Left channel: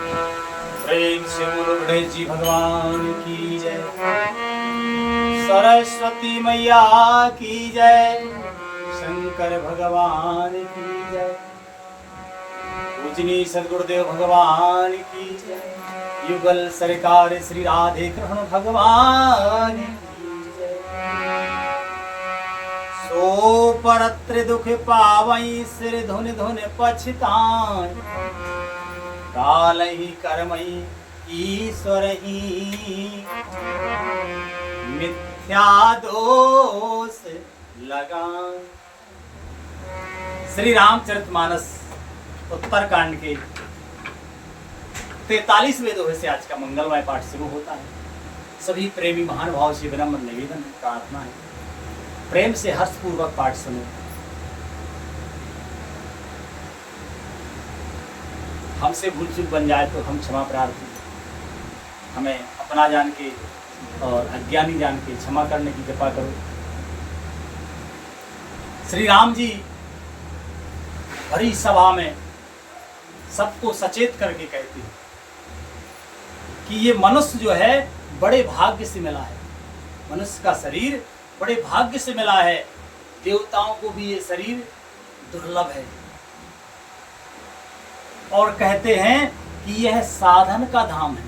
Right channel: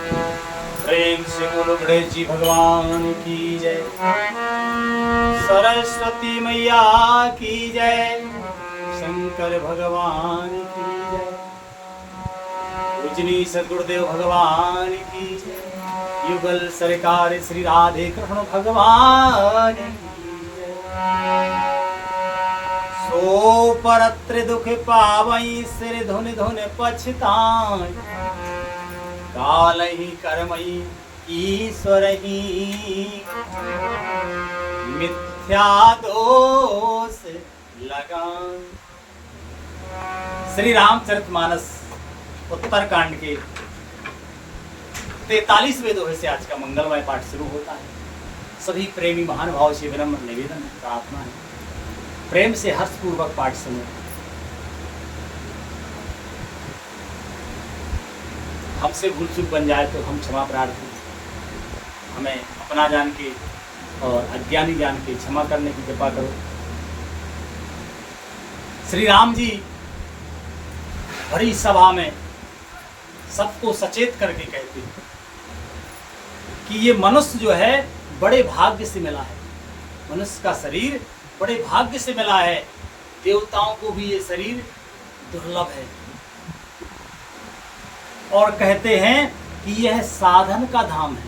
प्रेम से बोलो गणेश जी भगवान की जय, सरस्वती मैया की जय, शंकर भगवान की जय, पूजनी सदगुरुदेव भगवान की जय, युगल सरकार श्री राधे कृष्ण भगवान की जय। सो परत्र दुख पावई सिर धुन धुन पछताई, काल ही कर्मई ईश्वर ही मिथ्या दोष लगाए। श्री रामचरितमानस उत्तरकांड के 43 वेदों से आज का मंगलमय पाठ शुरू होता है। सभी प्रेमी महानुभाव से विनम्र निवेदन प्रार्थना है, प्रेम से हर्षपूर्वक पाठ सुने। हमसे भूल चूक बन जाए तो हम क्षमा प्रार्थी, हमें अपना जान के और अज्ञानी जान के क्षमा करने की कृपा करो। श्री राम जी भरी सभा में सबको सचेत करके कहते हैं कि ये मनुष्य जो है बड़े भाग्य से मिला है, मनुष्य का शरीर बड़े भाग्य से मिला है, देवताओं को भी ये शरीर दुर्लभ है। और कहते हैं कि यह साधन का धाम है,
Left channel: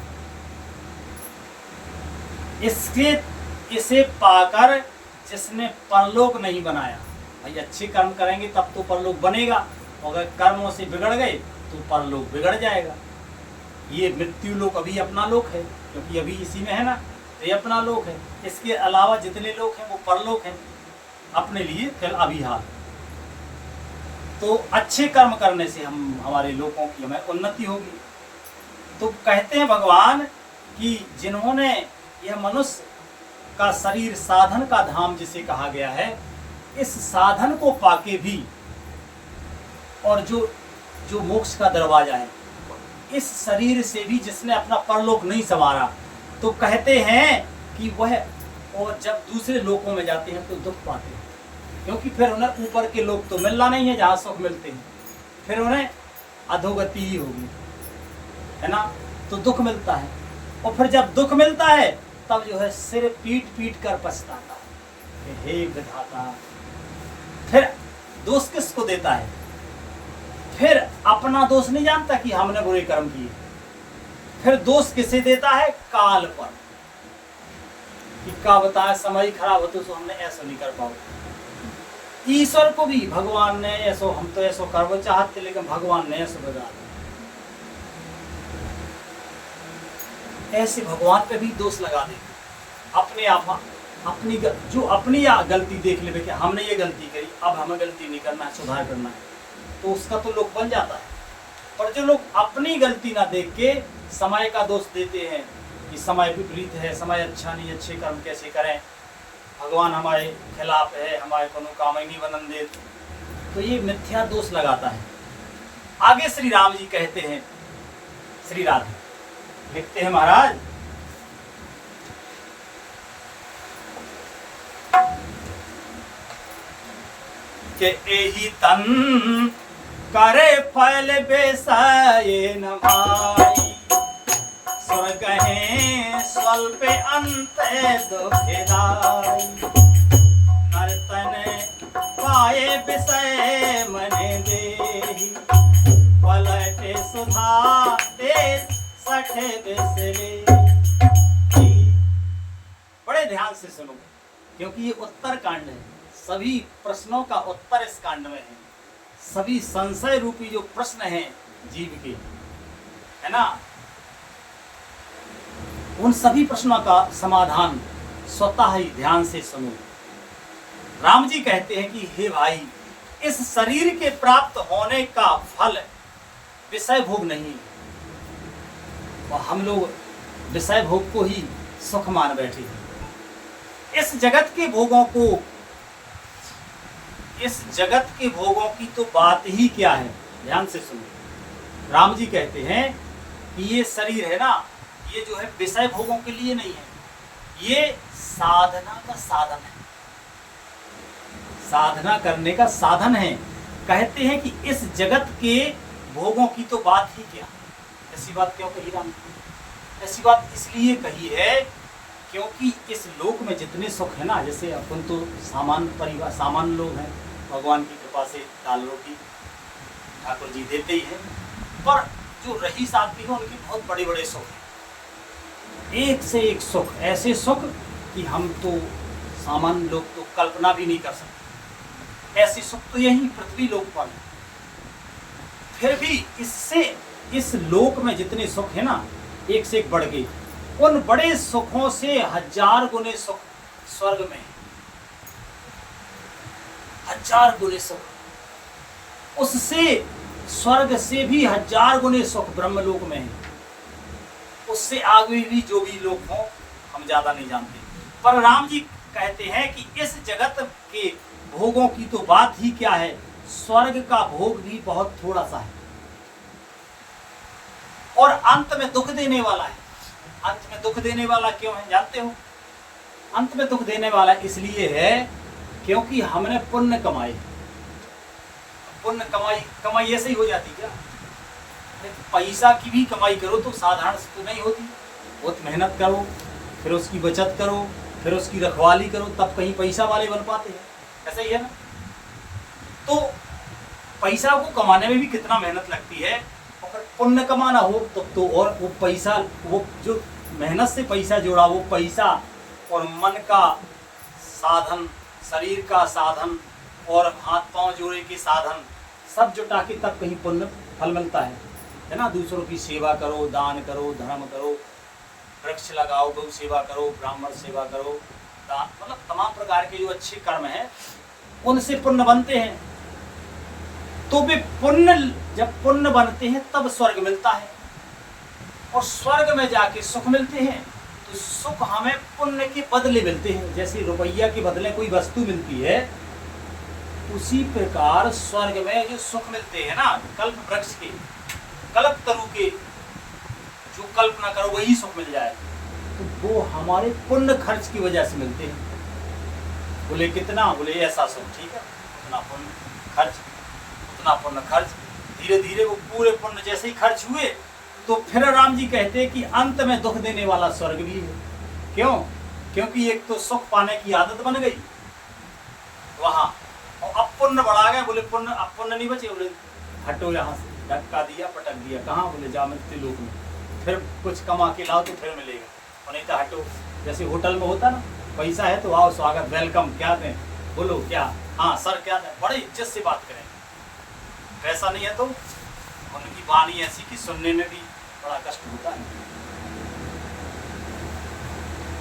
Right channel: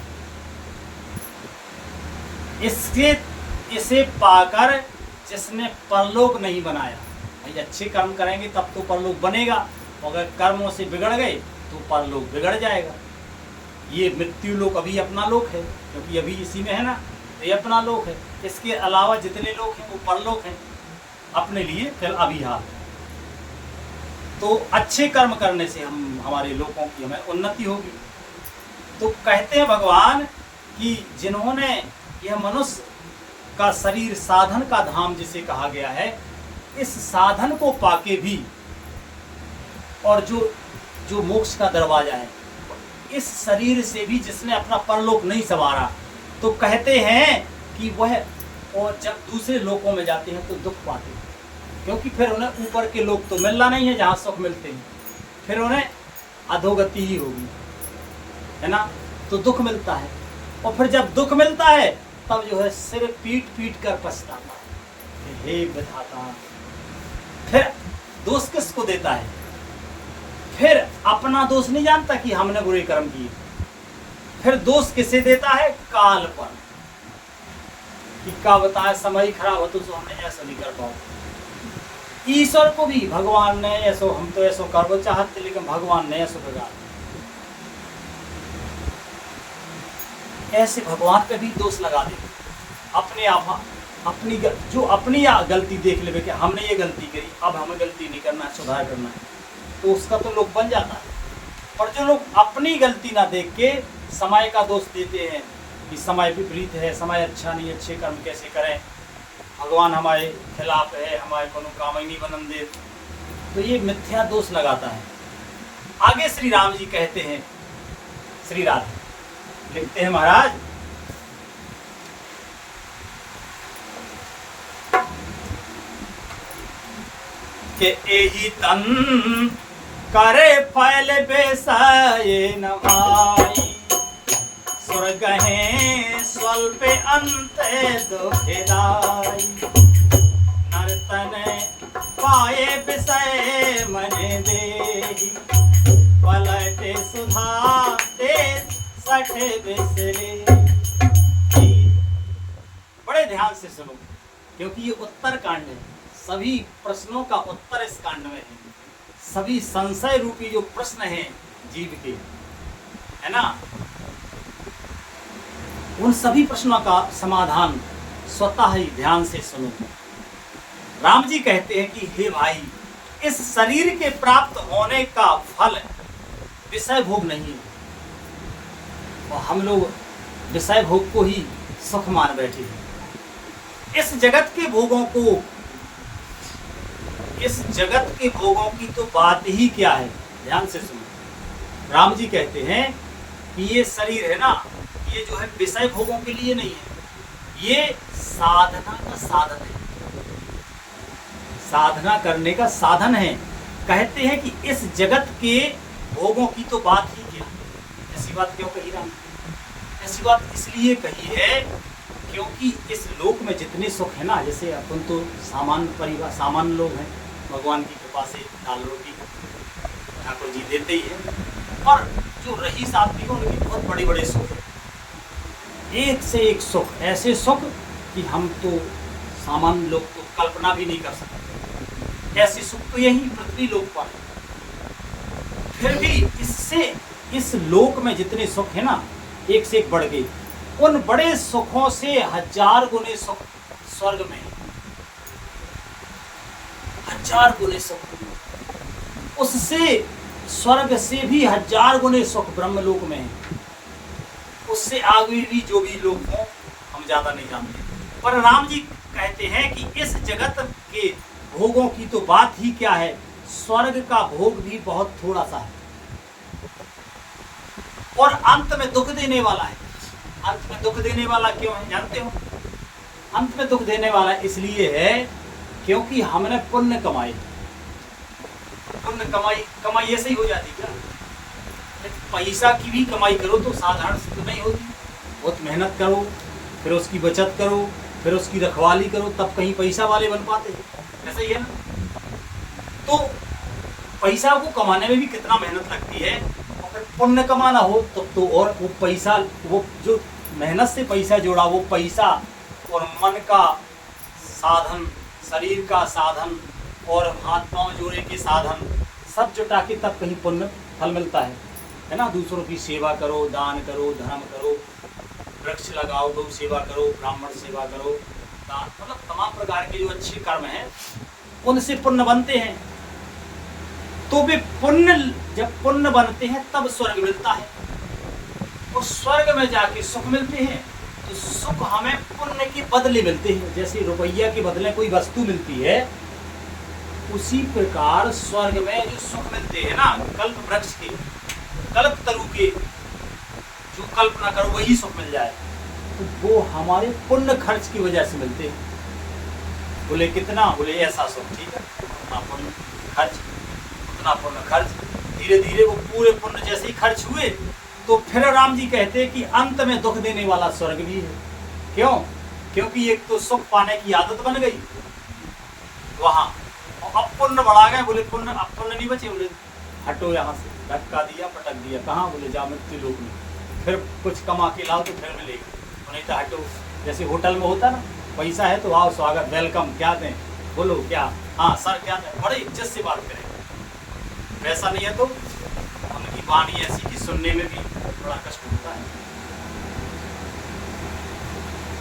इसे पाकर जिसने परलोक नहीं बनाया, भाई अच्छे कर्म करेंगे तब तो परलोक बनेगा, अगर कर्मों से बिगड़ गए तो परलोक बिगड़ जाएगा। ये मृत्यु लोक अभी अपना लोक है, क्योंकि अभी इसी में है ना, ये अपना लोक है। इसके अलावा जितने लोग हैं वो परलोक हैं अपने लिए, फिर अभी हाल। तो अच्छे कर्म करने से हमारे लोगों की हमें उन्नति होगी। तो कहते हैं भगवान कि जिन्होंने यह मनुष्य का शरीर साधन का धाम जिसे कहा गया है, इस साधन को पाके भी और जो मोक्ष का दरवाजा है, इस शरीर से भी जिसने अपना परलोक नहीं संवारा, तो कहते हैं कि वह और जब दूसरे लोकों में जाते हैं तो दुख पाते हैं, क्योंकि फिर उन्हें ऊपर के लोग तो मिलना नहीं है जहाँ सुख मिलते हैं, फिर उन्हें अधोगति ही होगी, है ना। तो दुख मिलता है, और फिर जब दुख मिलता है तब जो है सिर पीट पीट कर पछताता है, हे विधाता। फिर दोष किसको देता है? फिर अपना दोष नहीं जानता कि हमने बुरे कर्म किए, फिर दोष किसे देता है? काल पर, कि क्या बताए समय खराब हो तो हमने ऐसा नहीं कर पाओ। ईश्वर को भी भगवान ने ऐसो, हम तो ऐसो करना चाहते लेकिन भगवान ने ऐसो बिगाड़, ऐसे भगवान पे भी दोष लगा दे। अपने आप अपनी जो अपनी गलती देख ले कि हमने ये गलती करी, अब हमें गलती नहीं करना है, सुधार करना है, तो उसका तो लोग बन जाता है। पर जो लोग अपनी गलती ना देख के समय का दोष देते हैं कि समय विपरीत है, समय अच्छा नहीं, अच्छे कर्म कैसे करें, भगवान हमारे खिलाफ है, हमारे को काम ही नहीं बनन दे, तो ये मिथ्या दोष लगाता है। आगे श्री राम जी कहते हैं, श्री राधे लिखते हैं महाराज, के एही तन करे फैल बेसाये नमाई, स्वर्ग है स्वल्प अंत दुखदाई, नर्तन पाए विषय मन देहि, पलटे सुधा ते सठ बिसरे। बड़े ध्यान से सुनो, क्योंकि ये उत्तर कांड है, सभी प्रश्नों का उत्तर इस कांड में है। सभी संशय रूपी जो प्रश्न हैं जीव के, है ना, उन सभी प्रश्नों का समाधान स्वतः ही ध्यान से सुनो। राम जी कहते हैं कि हे भाई, इस शरीर के प्राप्त होने का फल विषय भोग नहीं है, और हम लोग विषय भोग को ही सुख मान बैठे हैं। इस जगत के भोगों को, इस जगत के भोगों की तो बात ही क्या है, ध्यान से सुनो। राम जी कहते हैं कि ये शरीर है ना, ये जो है विषय भोगों के लिए नहीं है, ये साधना का साधन है, साधना करने का साधन है। कहते हैं कि इस जगत के भोगों की तो बात ही क्या, ऐसी बात क्यों कही राम? ऐसी बात इसलिए कही है क्योंकि इस लोक में जितने सुख है ना, जैसे अपन तो सामान्य परिवार, सामान्य लोग हैं, भगवान की कृपा से दाल रोटी ठाकुर जी देते ही हैं, पर जो रईस आदमी है उनके बहुत बड़े बड़े सुख हैं, एक से एक सुख, ऐसे सुख कि हम तो सामान्य लोग तो कल्पना भी नहीं कर सकते। ऐसे सुख तो यही पृथ्वी लोक पर है। फिर भी इससे, इस लोक में जितने सुख है ना, एक से एक बढ़ गए। उन बड़े सुखों से 1000 गुने सुख स्वर्ग में है, 1000 गुने सुख। उससे स्वर्ग से भी 1000 गुने सुख ब्रह्मलोक में है। उससे आगे भी जो भी लोग हों हम ज्यादा नहीं जानते, पर राम जी कहते हैं कि इस जगत के भोगों की तो बात ही क्या है, स्वर्ग का भोग भी बहुत थोड़ा सा है और अंत में दुख देने वाला है। अंत में दुख देने वाला क्यों है जानते हो? अंत में दुख देने वाला इसलिए है क्योंकि हमने पुण्य कमाए। पुण्य कमाई ऐसे ही हो जाती क्या? पैसा की भी कमाई करो तो साधारण से तो नहीं होती, बहुत मेहनत करो, फिर उसकी बचत करो, फिर उसकी रखवाली करो, तब कहीं पैसा वाले बन पाते हैं। ऐसा ही है ना? तो पैसा को कमाने में भी कितना मेहनत लगती है, अगर पुण्य कमाना हो तब तो और वो पैसा, वो जो मेहनत से पैसा जोड़ा वो पैसा और मन का साधन, शरीर का साधन और हाथ पांव जोड़े के साधन सब जुटा के तब कहीं पुण्य फल मिलता है ना? दूसरों की सेवा करो, दान करो, धर्म करो, वृक्ष लगाओ, गौ सेवा करो, ब्राह्मण सेवा करो, दान, मतलब तमाम प्रकार के जो अच्छे कर्म हैं उनसे पुण्य बनते हैं। तो वे पुण्य, जब पुण्य बनते हैं तब स्वर्ग मिलता है और स्वर्ग में जाके सुख मिलते हैं। तो सुख हमें पुण्य के बदले मिलते हैं। जैसे रुपया के बदले कोई वस्तु मिलती है, उसी प्रकार स्वर्ग में जो सुख मिलते हैं ना, कल्प वृक्ष के, कल्प तरु के, जो कल्पना करो वही सुख मिल जाए, तो वो हमारे पुण्य खर्च की वजह से मिलते हैं। बोले कितना? बोले ऐसा सुख, ठीक है, उतना पुण्य खर्च, उतना पुण्य खर्च। धीरे धीरे वो पूरे पुण्य जैसे ही खर्च हुए तो फिर राम जी कहते हैं कि अंत में दुख देने वाला स्वर्ग भी है। क्यों? क्योंकि एक तो सुख पाने की आदत बन गई वहां, और अब पुण्य बढ़ा गए। बोले पुण्य, अब पुण्य नहीं बचे, बोले हटो यहाँ से, धक्का दिया, पटक दिया, कहाँ? बोले जाओ मृत्यु लोक में, फिर कुछ कमा के लाओ तो फिर मिलेगा, और नहीं तो हटो। जैसे होटल में होता ना, पैसा है तो आओ, स्वागत, वेलकम, क्या दें, बोलो क्या, हाँ सर क्या दें, बड़े इज्जत से बात करें। वैसा नहीं है तो उनकी वाणी ऐसी कि सुनने में भी बड़ा कष्ट होता है।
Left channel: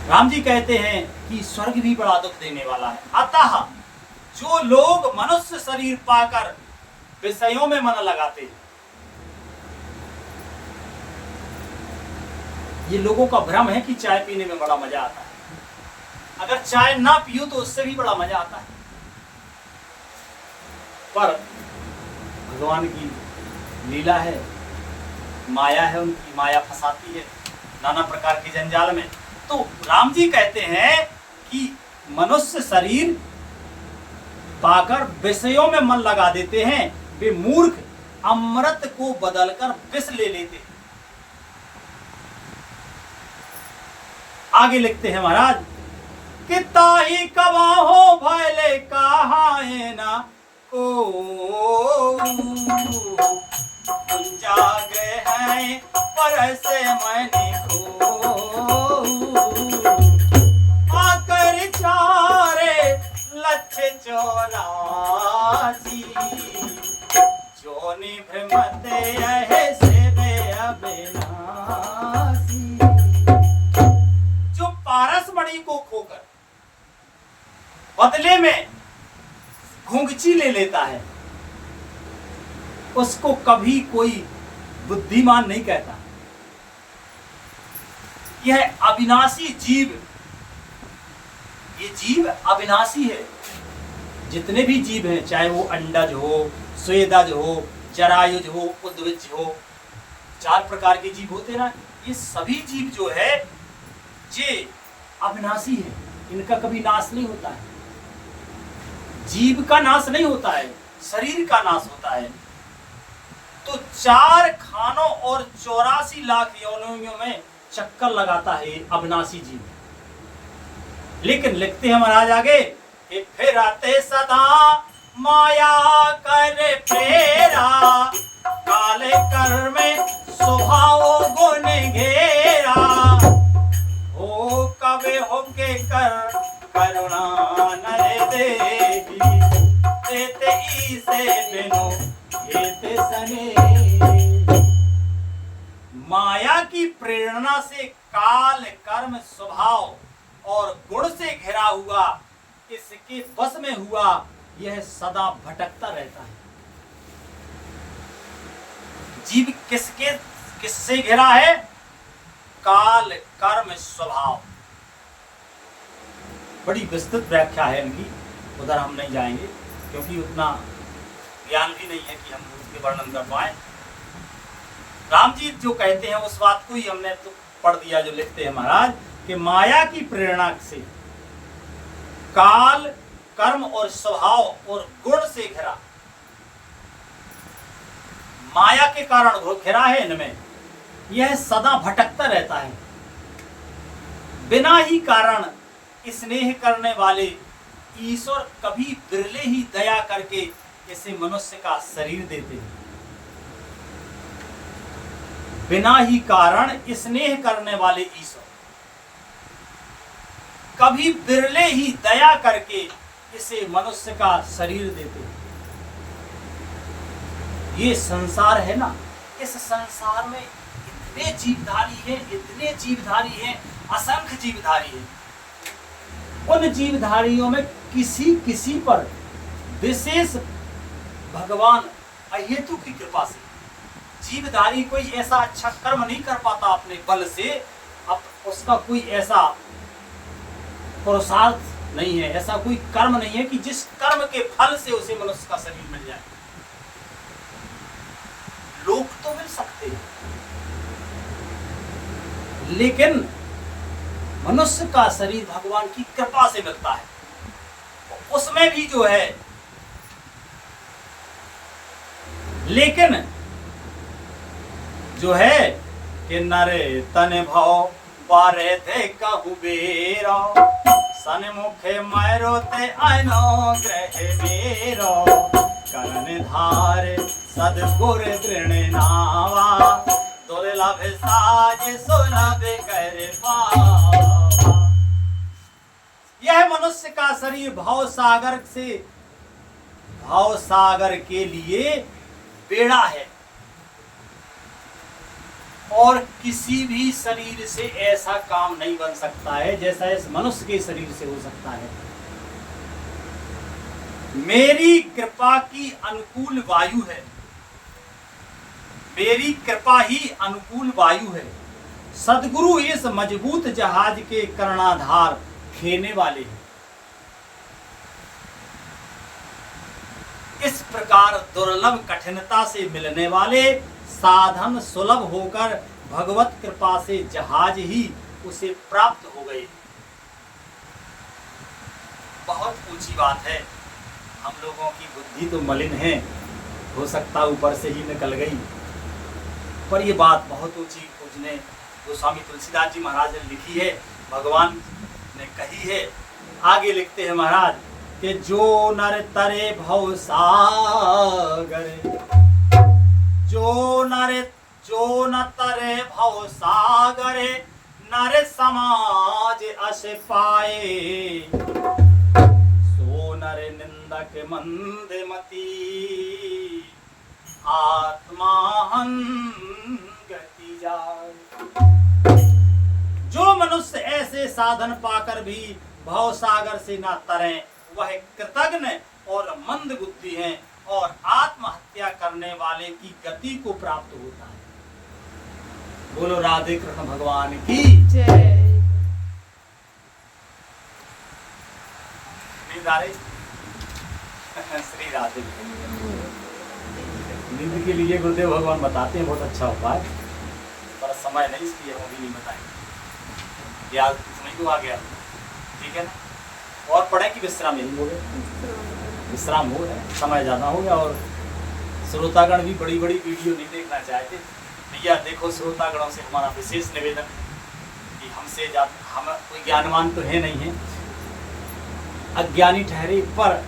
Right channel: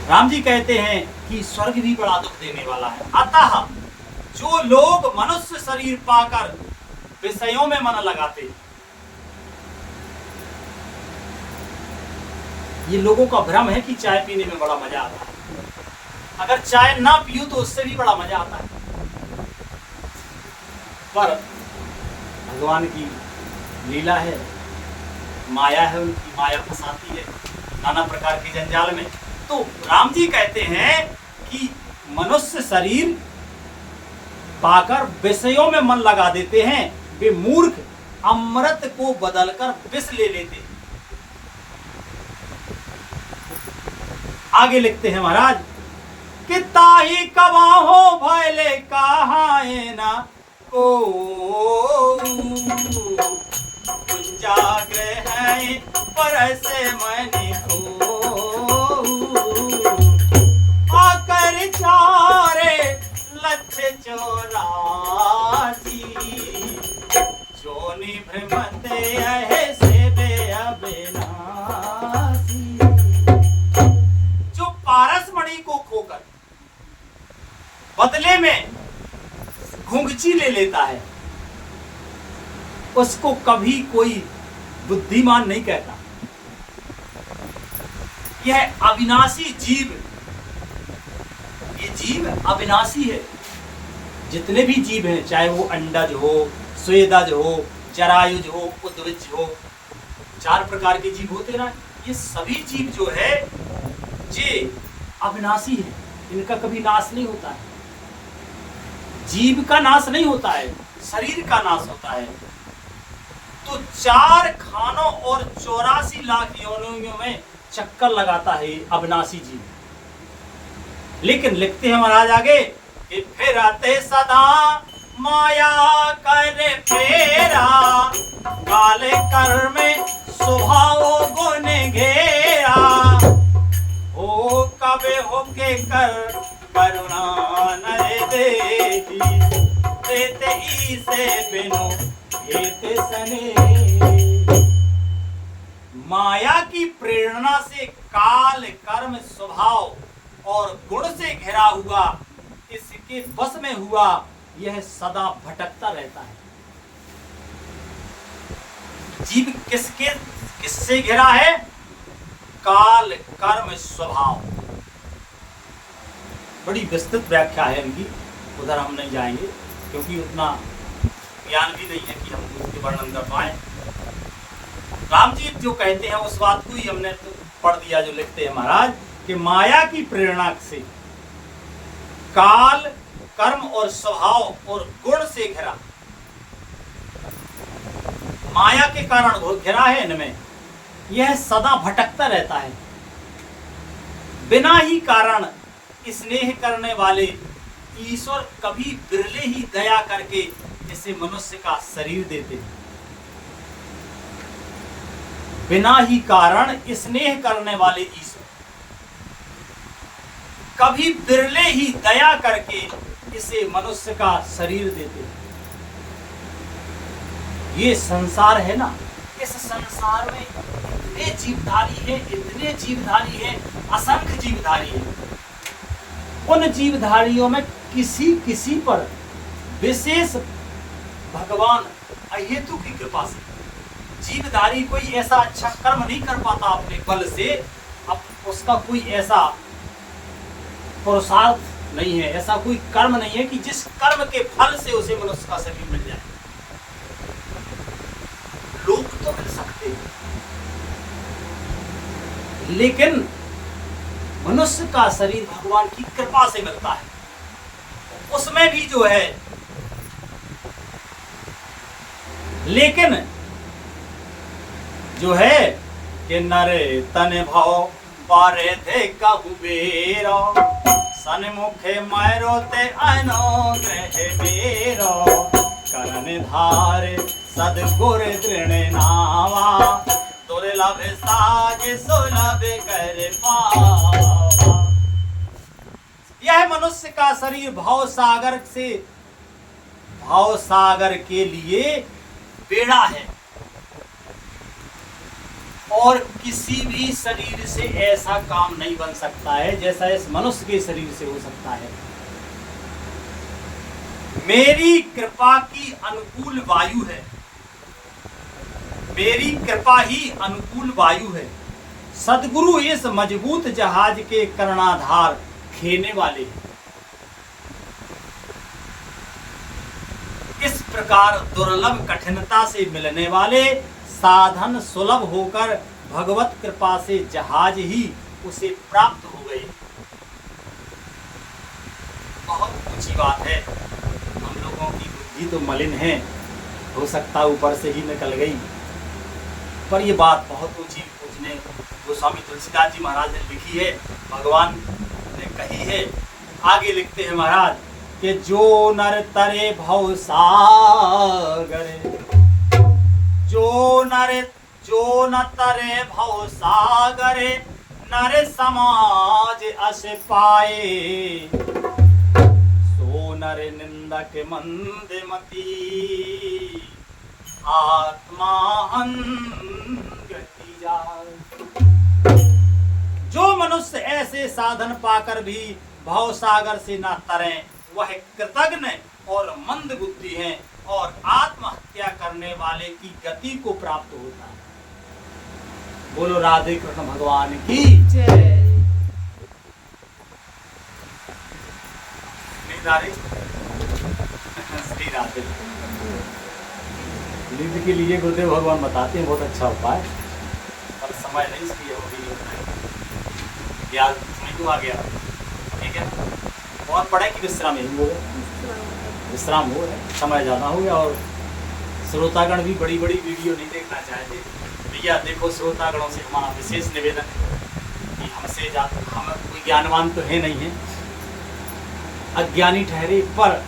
राम जी कहते हैं कि स्वर्ग भी बड़ा दुख देने वाला है। अतः जो लोग मनुष्य शरीर पाकर विषयों में मन लगाते हैं, ये लोगों का भ्रम है कि चाय पीने में बड़ा मजा आता है। अगर चाय ना पियो तो उससे भी बड़ा मजा आता है, पर भगवान की लीला है, माया है, उनकी माया फंसाती है नाना प्रकार के जंजाल में। तो राम जी कहते हैं कि मनुष्य शरीर पाकर विषयों में मन लगा देते हैं, वे मूर्ख अमृत को बदलकर विष ले लेते हैं। आगे लिखते हैं महाराज कि ताही कबाहो भैले कहाए ना को जागे हैं पर ऐसे मैंने को आकर चारे लक्ष्य 84 जोनी भ्रमते ऐसे बे अविनाशी। जो पारस मणि को खोकर बदले में घुंघची ले लेता है, उसको कभी कोई बुद्धिमान नहीं कहता। यह अविनाशी जीव, ये जीव अविनाशी है। जितने भी जीव हैं, चाहे वो अंडज हो, स्वेदज हो, जरायुज हो, उद्विज हो, 4 प्रकार के जीव होते ना, ये सभी जीव जो है ये अविनाशी है। इनका कभी नाश नहीं होता है। जीव का नाश नहीं होता है, शरीर का नाश होता है। तो 4 खानों और 84 लाख योनियों में चक्कर लगाता है अविनाशी जीव। लेकिन लिखते हैं महाराज आगे कि फिरते सदा माया कर फेरा, काले कर्म स्वभाव गुण घेरा, हो कबे होके कर करुणा नरे देही, देते ईसे बिनु हेते सने। माया की प्रेरणा से काल कर्म स्वभाव और गुण से घिरा हुआ, इसके बस में हुआ, यह सदा भटकता रहता है। जीव किससे घिरा है? काल कर्म स्वभाव। बड़ी विस्तृत व्याख्या है इनकी, उधर हम नहीं जाएंगे क्योंकि उतना ज्ञान भी नहीं है कि हम उसके वर्णन कर पाए। राम जी जो कहते हैं उस बात को ही हमने तो पढ़ दिया, जो लिखते हैं महाराज कि माया की प्रेरणा से काल कर्म और स्वभाव और गुण से घिरा, माया के कारण घिरा है इनमें, यह सदा भटकता रहता है। बिना ही कारण स्नेह करने वाले ईश्वर कभी बिरले ही दया करके इसे मनुष्य का शरीर देते हैं। बिना ही कारण स्नेह करने वाले ईश्वर कभी बिरले ही दया करके इसे मनुष्य का शरीर देते हैं। ये संसार है ना, इस संसार में इतने जीवधारी हैं, इतने जीवधारी हैं, असंख्य जीवधारी हैं। उन जीवधारियों में किसी किसी पर विशेष भगवान अहेतु की कृपा से, जीवधारी कोई ऐसा अच्छा कर्म नहीं कर पाता अपने बल से, अब उसका कोई ऐसा पुरुषार्थ नहीं है, ऐसा कोई कर्म नहीं है कि जिस कर्म के फल से उसे मनुष्य का शरीर मिल जाए। लोग तो मिल सकते हैं, लेकिन मनुष्य का शरीर भगवान की कृपा से मिलता है। उसमें भी जो है, लेकिन जो है कि नरे तन भाव बारे थे कुबेरो, सन्मुखे मैरो ते अनुग्रह मेरो, करण धारे सदगुर दृढ़ नावा, दुर्लभ साज सुलभ कर पावा। यह मनुष्य का शरीर भाव सागर के लिए बेड़ा है, और किसी भी शरीर से ऐसा काम नहीं बन सकता है जैसा इस मनुष्य के शरीर से हो सकता है। मेरी कृपा की अनुकूल वायु है, मेरी कृपा ही अनुकूल वायु है। सद्गुरु इस मजबूत जहाज के कर्णाधार खेने वाले हैं। इस प्रकार दुर्लभ कठिनता से मिलने वाले साधन सुलभ होकर भगवत कृपा से जहाज ही उसे प्राप्त हो गए। बहुत ऊंची बात है। हम लोगों की बुद्धि तो मलिन है, हो सकता ऊपर से ही निकल गई, पर ये बात बहुत ऊंची पूजने गोस्वामी तुलसीदास जी महाराज ने लिखी है, भगवान ने कही है। आगे लिखते हैं महाराज कि जो नर तरे भव सागर, जो न तरे भव सागर, नर समाज अस पाए, सो नर निंदक मंदमती, आत्मा गति जाए। जो मनुष्य ऐसे साधन पाकर भी भव सागर से न तरें, वह कृतघ्न और मंद बुद्धि हैं और आत्महत्या करने वाले की गति को प्राप्त होता है। बोलो राधे कृष्ण भगवान की जय। श्री राधे। नींद के लिए गुरुदेव भगवान बताते हैं बहुत अच्छा उपाय, पर समय नहीं, इसलिए वो भी नहीं बताएंगे। याद समझ को आ गया, ठीक है। और पढ़े कि विश्राम, यही बोले विश्राम हो गया, समय ज़्यादा हो गया और श्रोतागण भी बड़ी बड़ी वीडियो नहीं देखना चाहते। भैया देखो, श्रोतागणों से हमारा विशेष निवेदन है कि हमसे ज़्यादा हम कोई ज्ञानवान तो है नहीं है, अज्ञानी ठहरे, पर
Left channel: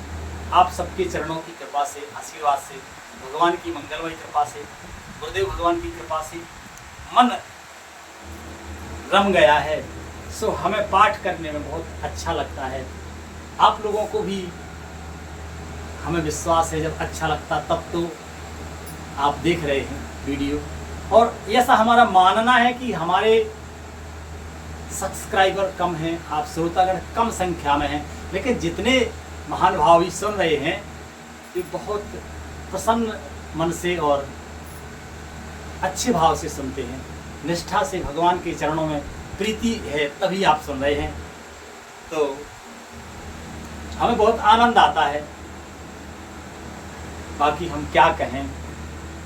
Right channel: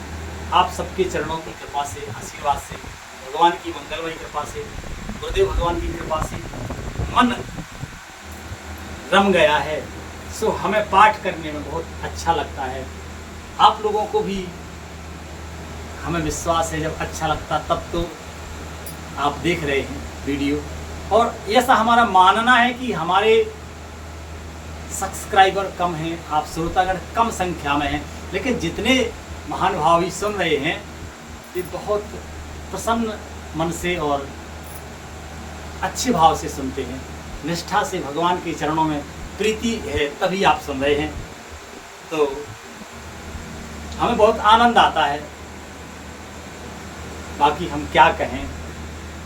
आप सबके चरणों की कृपा से, आशीर्वाद से, भगवान की मंगलमय कृपा से, गुरुदेव भगवान की कृपा से मन रम गया है। सो हमें पाठ करने में बहुत अच्छा लगता है। आप लोगों को भी हमें विश्वास है जब अच्छा लगता तब तो आप देख रहे हैं वीडियो। और ऐसा हमारा मानना है कि हमारे सब्सक्राइबर कम हैं, आप श्रोतागण कम संख्या में हैं, लेकिन जितने महानुभावी सुन रहे हैं ये बहुत प्रसन्न मन से और अच्छे भाव से सुनते हैं, निष्ठा से भगवान के चरणों में प्रीति है, तभी आप सुन रहे हैं। तो हमें बहुत आनंद आता है। बाकी हम क्या कहें,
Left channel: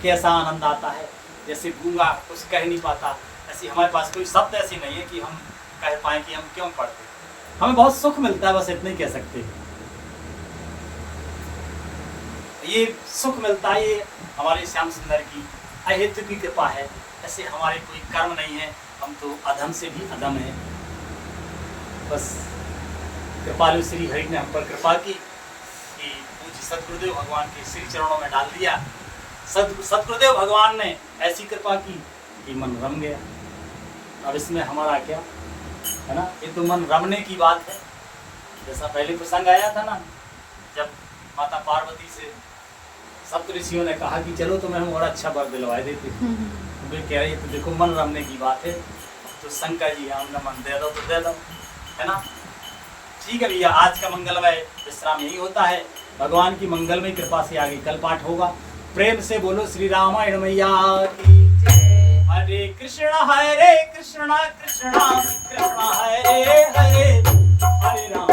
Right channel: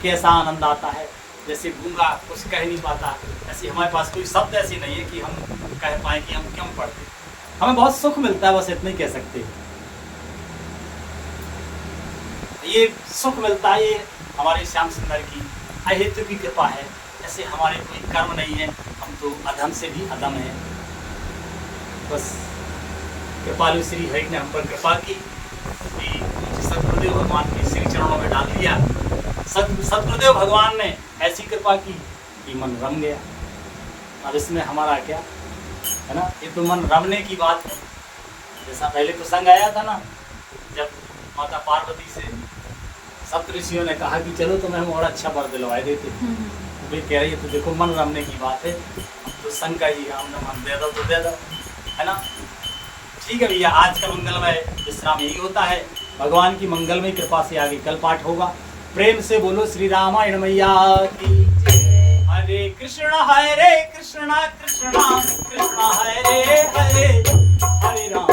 कैसा आनंद आता है, जैसे गूंगा कुछ कह नहीं पाता, ऐसे हमारे पास कोई शब्द ऐसी नहीं है कि हम कह पाएँ कि हम क्यों पढ़ते। हमें बहुत सुख मिलता है, बस इतना ही कह सकते हैं। ये सुख मिलता है, ये हमारे श्याम सुंदर की अहेतु की कृपा है। ऐसे हमारे कोई कर्म नहीं है, हम तो अधम से भी अधम हैं। बस कृपालु श्री हरि ने हम पर कृपा की कि मुझे सतगुरुदेव भगवान के श्री चरणों में डाल दिया। सतगुरुदेव भगवान ने ऐसी कृपा की कि मन रम गया। अब इसमें हमारा क्या है ना, ये तो मन रमने की बात है। जैसा पहले प्रसंग आया था ना, जब माता पार्वती से सप्त ऋषियों ने कहा कि चलो तुम्हें हम और अच्छा वर दिलवाए देते, तो वे कह रही है तो देखो मन रमने की बात है, तो शंकर जी हमने मन दे दो तो दे दो, है ना। ठीक है भैया, आज का मंगलमय विश्राम यही होता है। भगवान की मंगलमय कृपा से आगे कल पाठ होगा। प्रेम से बोलो श्री रामायण मैया की जय। हरे कृष्णा कृष्णा कृष्णा हरे हरे, हरे राम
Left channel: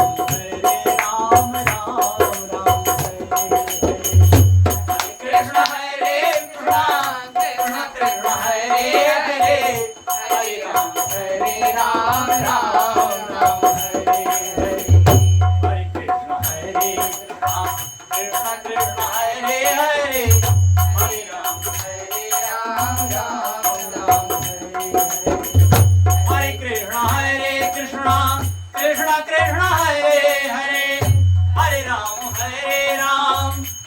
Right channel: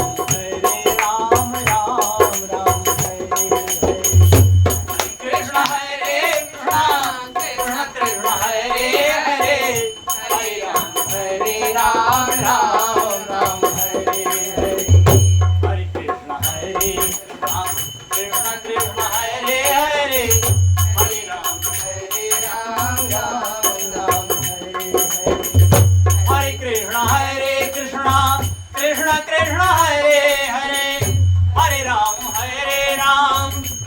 राम राम हरे हरे। कृष्ण हरे कृष्ण कृष्ण हरे हरे, हरे राम राम राम हरे हरे। हरे कृष्ण कृष्ण हरे हरे, हरे राम राम राम हरे हरे। हरे कृष्ण कृष्ण कृष्ण हरे हरे, हरे राम राम राम हरे हरे। हरे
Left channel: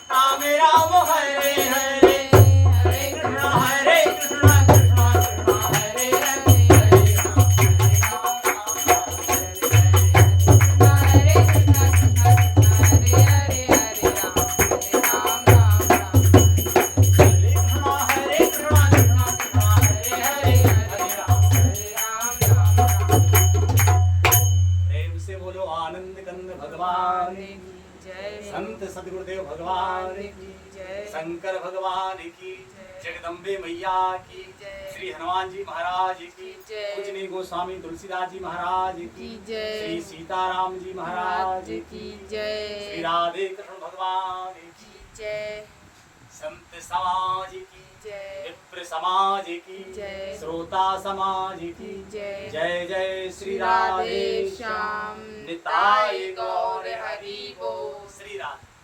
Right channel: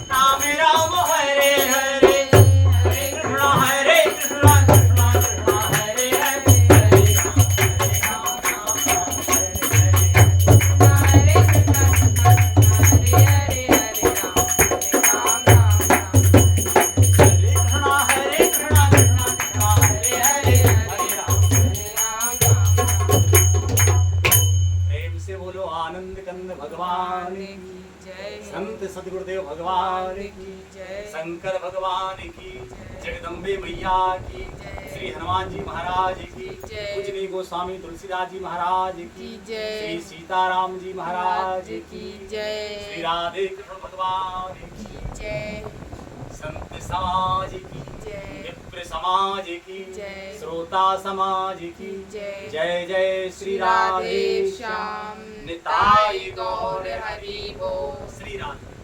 कृष्ण कृष्ण कृष्ण हरे हरे, हरे राम भगवान की जय, संत सदगुरुदेव भगवान की जय, शंकर भगवान की जगदम्बे मैया की जय, श्री हनुमान जी महाराज की जय, पूजनीय गोस्वामी तुलसीदास जी महाराज की जय, श्री सीताराम जी महाराज की जय, श्री राधे कृष्ण भगवान की जय, संत समाज की जय, विप्र समाज की जय, श्रोता समाज की जय। जय जय श्री राधे श्याम निताय गौर हरि बोल। श्री राधे।